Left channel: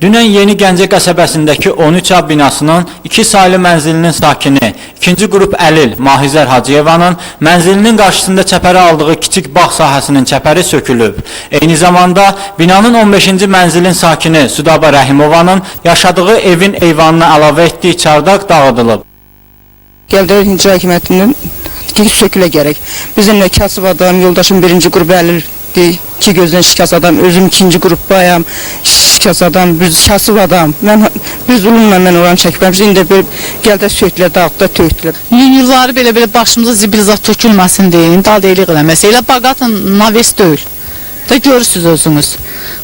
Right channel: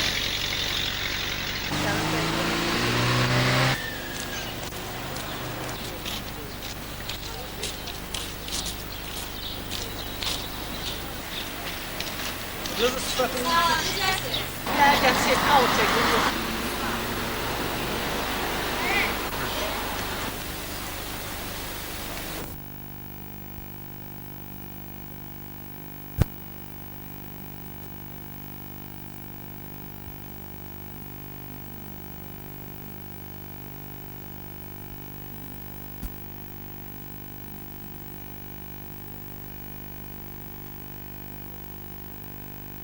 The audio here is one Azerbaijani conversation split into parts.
Dünən Yeni Gəncə qəsəbəsindəki 13A binasının 2 saylı mənzilinin sakini 2-ci qrup əlil Mahizər Hacıyevanın mənzilinin qarşısında çəpərə aldığı kiçik bağ sahəsinin çəpəri sökülüb. Eyni zamanda binanın 15-ci mənzilin sakini Sudaba Rəhimovanın yaşadığı evin eyvanına əlavə etdiyi çardaq dağıdılıb. Gəldilər İncra Hakimiyyətindən sökülə gərək. Bizim də kasıb adam, yoldaşım 1-ci qrup əlildir, 2 gözdən şikəst adam, özüm 2-ci qrupdayam, şikəst adam, kasıb adam. Bir zulümlə mən oranı çəkməmişdim, indi gəldə sökülə, dağıtda tökdülər. Yılları belə başımıza zibil zat tökülməsin deyin, daldeylik eləməsə. Elə baqatın naves deyil. Da görürsünüz özünüz.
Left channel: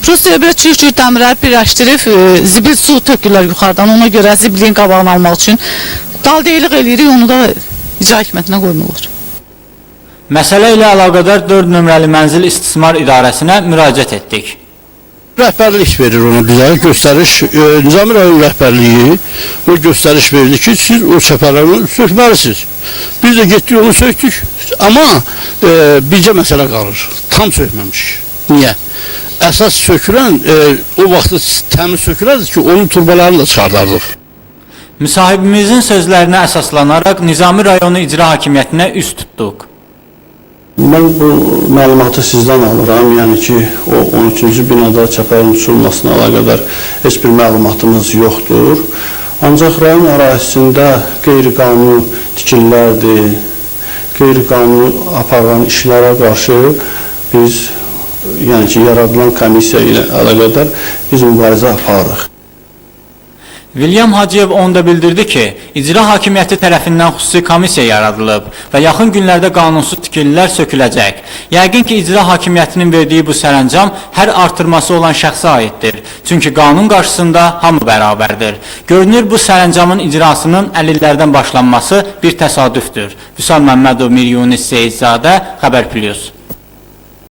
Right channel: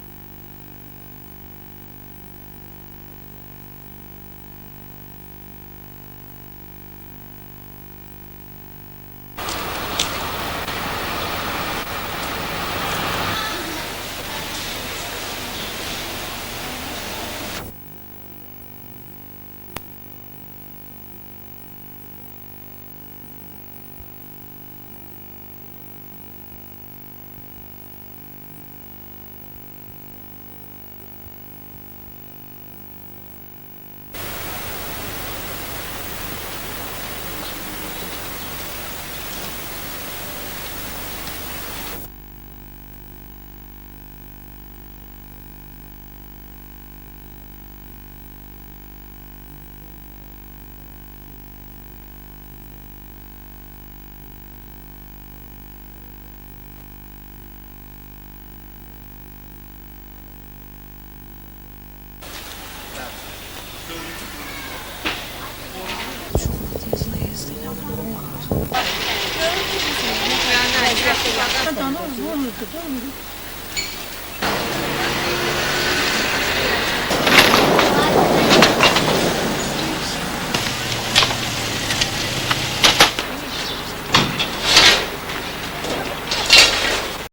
Prosta belə çürük dəmirləri birləşdirib, zibil su tökürlər yuxarıdan, ona görə zibilin qabağını almaq üçün. Daldeylik eləyirik, onu da icra hakimiyyətinə qoymurlar. Məsələ ilə əlaqədar 4 nömrəli mənzil istismar idarəsinə müraciət etdik. Rəhbərlik verir ona bizə, göstəriş, Nizami rayon rəhbərliyi o göstəriş verdi ki, siz o çəpərləri sökməlisiniz. Biz də getdik onu söktük, amma bircə məsələ qalır, tam sökməmişik. Niyə? Əsas sökülən, o vaxtı təmiz sökülərdir ki, onun turbalarını da çıxardardıq. Müsahibimizin sözlərinə əsaslanaraq Nizami rayonu icra hakimiyyətinə üst tutduq. Mən bu məlumatı sizdən alıram, yəni ki, o 13-cü binada çəpərin uçulmasına əlaqədar heç bir məlumatımız yoxdur. Ancaq rayon ərazisində qeyri-qanuni tikililərdir, qeyri-qanuni aparılan işlərə qarşı biz, yəni ki, yaradılan komissiya ilə əlaqədar biz mübarizə aparırıq. William Hacıyev onda bildirdi ki, icra hakimiyyəti tərəfindən xüsusi komissiya yaradılıb və yaxın günlərdə qanunsuz tikililər söküləcək. Yəqin ki, icra hakimiyyətinin verdiyi bu sərəncam hər artırması olan şəxsə aiddir. Çünki qanun qarşısında hamı bərabərdir. Görünür, bu sərəncamın icrasının əlillərdən başlanması bir təsadüfdür. Vüsal Məmmədov, Mir Yunis Seyidzadə, Xəbər Plus.